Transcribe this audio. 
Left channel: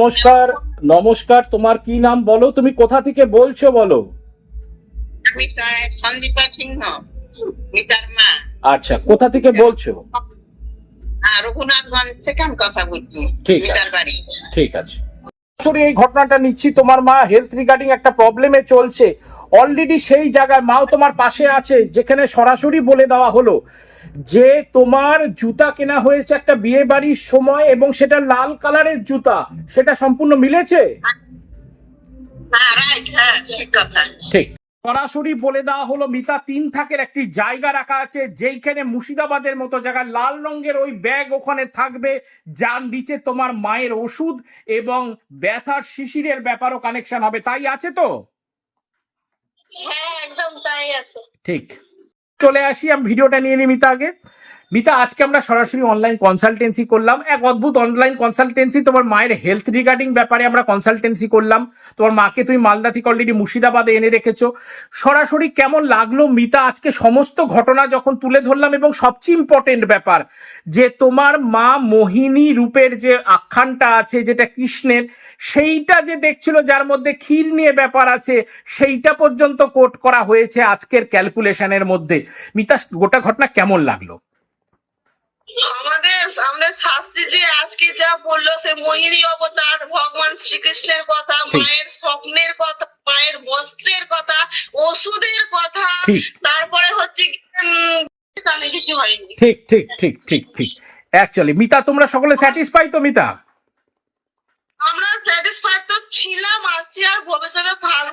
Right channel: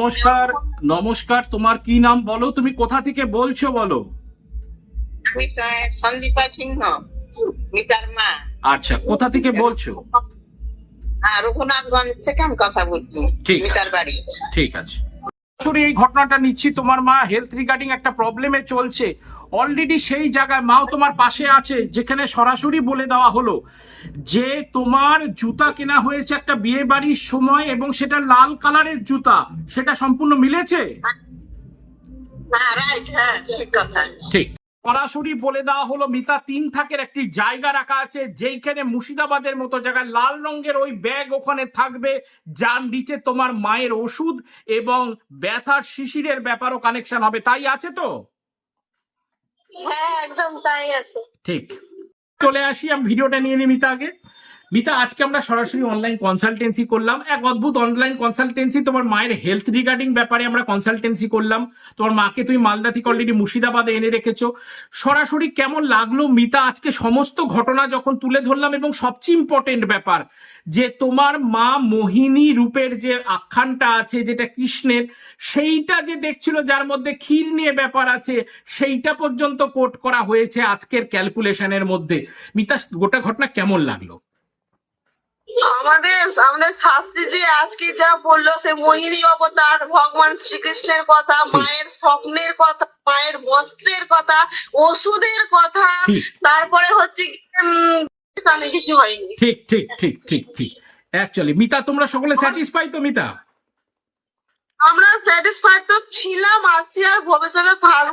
নমস্কার নমস্কার তোমার কি নাম বলো? তুমি কোথা থেকে বলছো বলো? আমি সন্দীপা সিংহ মিতার মা। আচ্ছা কোথা থেকে বলছো? রঘুনাথগঞ্জ থেকে আমি কথা বলছি। মিতার বাড়ি। ঠিক আছে। সরাসরি এই ঘটনাটা নিচ্ছি। তোমার মা হেলথ রিগার্ডিং একটা প্রবলেমে চলছে। অলরেডি সেই জায়গায় মাও তোমার পাশে আছে, যেখানে সরাসরি বলে দেওয়া হলো যে তোমার জুতা কেনা হয়েছে একটা বিয়ে বাড়ির সময় এবং সেটা লাল কালারের জুতা। সেটা সম্পূর্ণ মিলেছে? হ্যাঁ রাইট হ্যাঁ ঠিক কথা। সরাসরি বলে দেওয়া হলো মিতা তিন থাকের একটি জায়গা রাখা আছে যেইখানে মুর্শিদাবাদের মতো জায়গায় লাল রঙের ওই ব্যাগ ওখানে থাকবে যার নিচে তোমার মায়ের ওষুধ এবং ব্যথার শিশিরের ব্যাপারও কানেকশন হবে। তাই আছে তো? হ্যাঁ একদম তাই আছে। ঠিক। চলে আসি আমি ভিডিওটা নিয়ে নিই মিতা আগে মিতা, আজকে আমরা সরাসরি অনলাইন কনসালটেন্সি করলাম। এক অদ্ভুত অনলাইন কনসালটেন্সি তোমার মায়ের হেলথ রিগার্ডিং ব্যাপারে আমরা কনসালটেন্সি করলাম। তোমার মাকে তুমি মালদা থেকে অলরেডি মুর্শিদাবাদে এনে রেখেছো। সরাসরি কেমন লাগল মিতা, আজকে সমস্ত ঘটনা যখন তুলে ধরলাম এবং সবচেয়ে ইম্পর্টেন্ট ব্যাপার, যে তোমার মা মোহিনী রূপের যে আখ্যানটা আছে, যেটা কৃষ্ণের, সেইটা যে দেখছিল, যার মধ্যে ক্ষীর নিয়ে ব্যাপার আছে, সেইটা পর্যন্ত কোট করা হয়েছে আজকের ক্যালকুলেশনের মধ্যে। মিতা, গোটা ঘটনা কেমন লাগল? আমাদের আমাদের শাস্ত্রী যে আজকে যা বলল সে মোহিনী অবতার ভগবান শ্রীকৃষ্ণের কথা মায়ের স্বপ্নের কথা মায়ের বস্ত্রের কথা ওষুধের কথা তারপরে হচ্ছে কিছু হয়নি। ঠিক ঠিক ঠিক ঠিক ঠিক। অ্যাকচুয়ালি মিতা তোমরা সকলে স্যাটিসফাই তো মিতা? আমরা স্যাটিসফাইড তো ছিলাম আছি আর ভবিষ্যতে থাকব।